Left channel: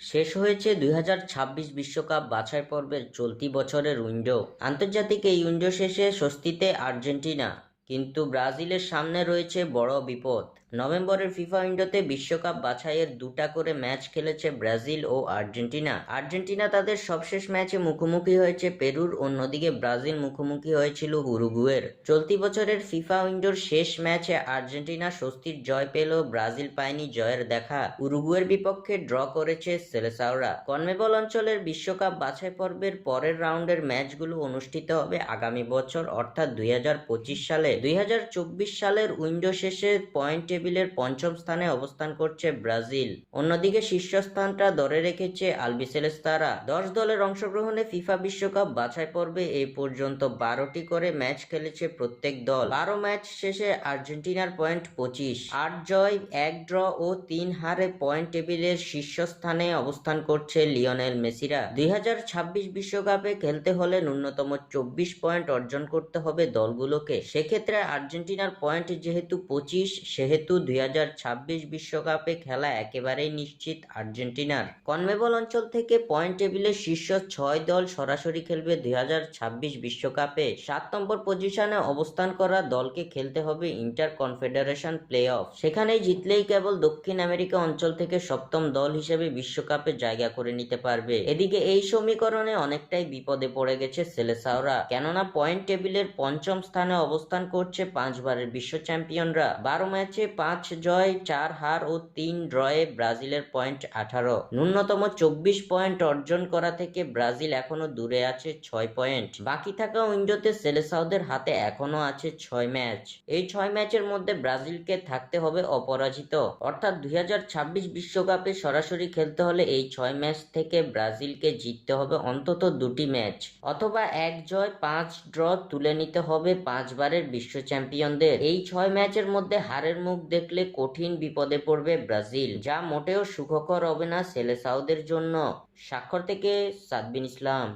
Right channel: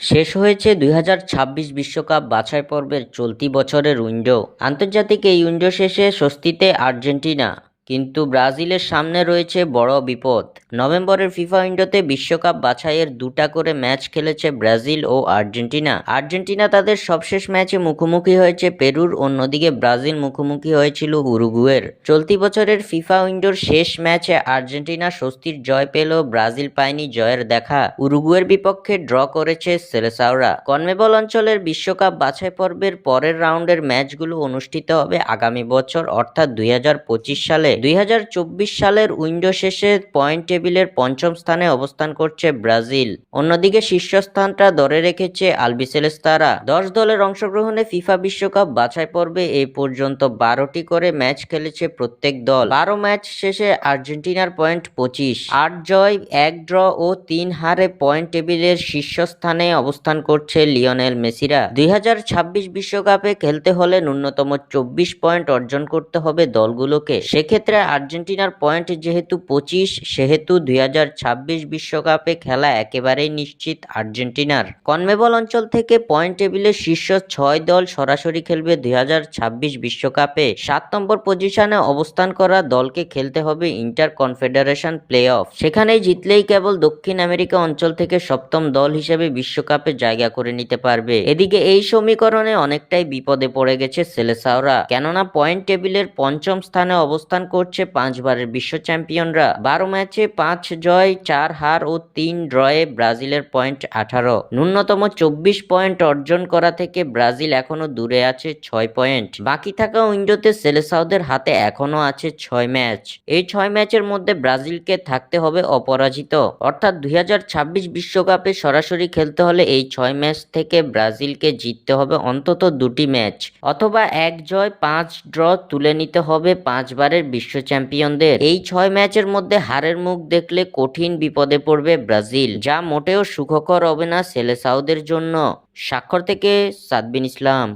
শেষ হয়েছে ২০২৬ বিশ্বকাপ বাছাই পর্বের চলতি বছরের উইন্ডো। আন্তর্জাতিক এই উইন্ডো শেষে স্বস্তিতে আর্জেন্টিনা, কিন্তু ব্রাজিলের সামনে রয়েছে বড় বিপদ। নভেম্বরের ফিফা উইন্ডোতে বিশ্বকাপ বাছাইয়ের দুটা করে ম্যাচ খেলেছে ব্রাজিল ও আর্জেন্টিনা তাদের সবশেষ ম্যাচে মুখোমুখি হয়েছে পেরুর, অন্যদিকে ব্রাজিল মুখোমুখি হয়েছিল উরুগুয়ের। চলতি বছরের ফিফা উইন্ডোর শেষ ম্যাচে আর্জেন্টিনা স্বস্তির জয় পেলেও ব্রাজিল পায়নি জয়ের দেখা। উরুগুয়ের বিপক্ষে ড্র করেছে সেলেসাওরা। কনমেবল অঞ্চলের বিশ্বকাপ বাছাই পর্বের পরের রাউন্ডের ম্যাচগুলো অনুষ্ঠিত হবে আগামী বছর, অর্থাৎ ২০২৫ সালে। ২০২৪ সালের উইন্ডো শেষে পয়েন্ট টেবিলের পঞ্চম স্থানে অবস্থান করছে ব্রাজিল। অন্যদিকে শীর্ষস্থানটা ধরে রেখেছে আলবিসেলেস্তারা। ১০ দলের অংশগ্রহণে ফিফা বিশ্বকাপ বাছাই পর্বে এই পর্যন্ত ১২টি করে ম্যাচ খেলেছে প্রত্যেক দল। ১২ ম্যাচ শেষে আর্জেন্টিনার পয়েন্ট ২৫, ৮ জয়, ১ ড্র ও ৩ হারে পয়েন্ট টেবিলের শীর্ষস্থানে অবস্থান করছে লিওনেল মেসিরা। ২০২৬ বিশ্বকাপে খেলতে হলে ন্যূনতম ২৪ পয়েন্ট অর্জন করতে হবে দলগুলোকে। সেক্ষেত্রে আর্জেন্টিনার পয়েন্ট যেহেতু ২৫, সেহেতু ২০২৬ বিশ্বকাপে খেলা একেবারেই নিশ্চিত আর্জেন্টিনার। কনমেবল অঞ্চল থেকে পয়েন্ট টেবিলের শীর্ষ ৬ দল সরাসরি খেলবে ২০২৬ বিশ্বকাপে। ৭ নম্বর পজিশনে অবস্থান করা দলকে খেলতে হবে ইন্টার কনফেডারেশন প্লে অফ। সেখানেই জিতলেই কেবল দক্ষিণ আমেরিকা অঞ্চল থেকে সপ্তম দল হিসেবে বিশ্বকাপে জায়গা করে নিতে পারবে। এদিকে এই সমীকরণে অনেকটাই বিপদে পড়ে গেছে সেলেসাওরা, কেননা পয়েন্ট টেবিলের পঞ্চম স্থানে অবস্থান করছে ৫ বারের বিশ্ব চ্যাম্পিয়নরা। ১২ ম্যাচে ৫ জয়, ৪ হার ও ৩ ড্রয়ে ব্রাজিলের পয়েন্ট ১৮। ন্যূনতম ২৪ পয়েন্ট অর্জন করা থেকে ব্রাজিল এখনো দূরে আছে ৬ পয়েন্ট। বাকি থাকা উইন্ডোতে সেলেসাওদের হাতে এখনো আছে ৬ ম্যাচ। এই ৬ ম্যাচের মধ্যে ব্রাজিলকে থাকতে হবে অপরাজিত, অর্থাৎ ২০২৬ বিশ্বকাপে সরাসরি খেলতে হলে এই ৬ ম্যাচ থেকে ব্রাজিলকে জিততে হবে অন্তত ২টি ম্যাচ, অথবা ১ জয় ৫ ড্র তুলে নিতে হবে ৫ বারের বিশ্ব চ্যাম্পিয়নদের। এই ৬ ম্যাচের মধ্যে হারের মুখ দেখলে কঠিন বিপদে পড়বে ব্রাজিল, যা মোটেও সুখকর হবে না সেলেসাওদের জন্য। স্বাক্ষর থেকে সাদবিন ইসলাম।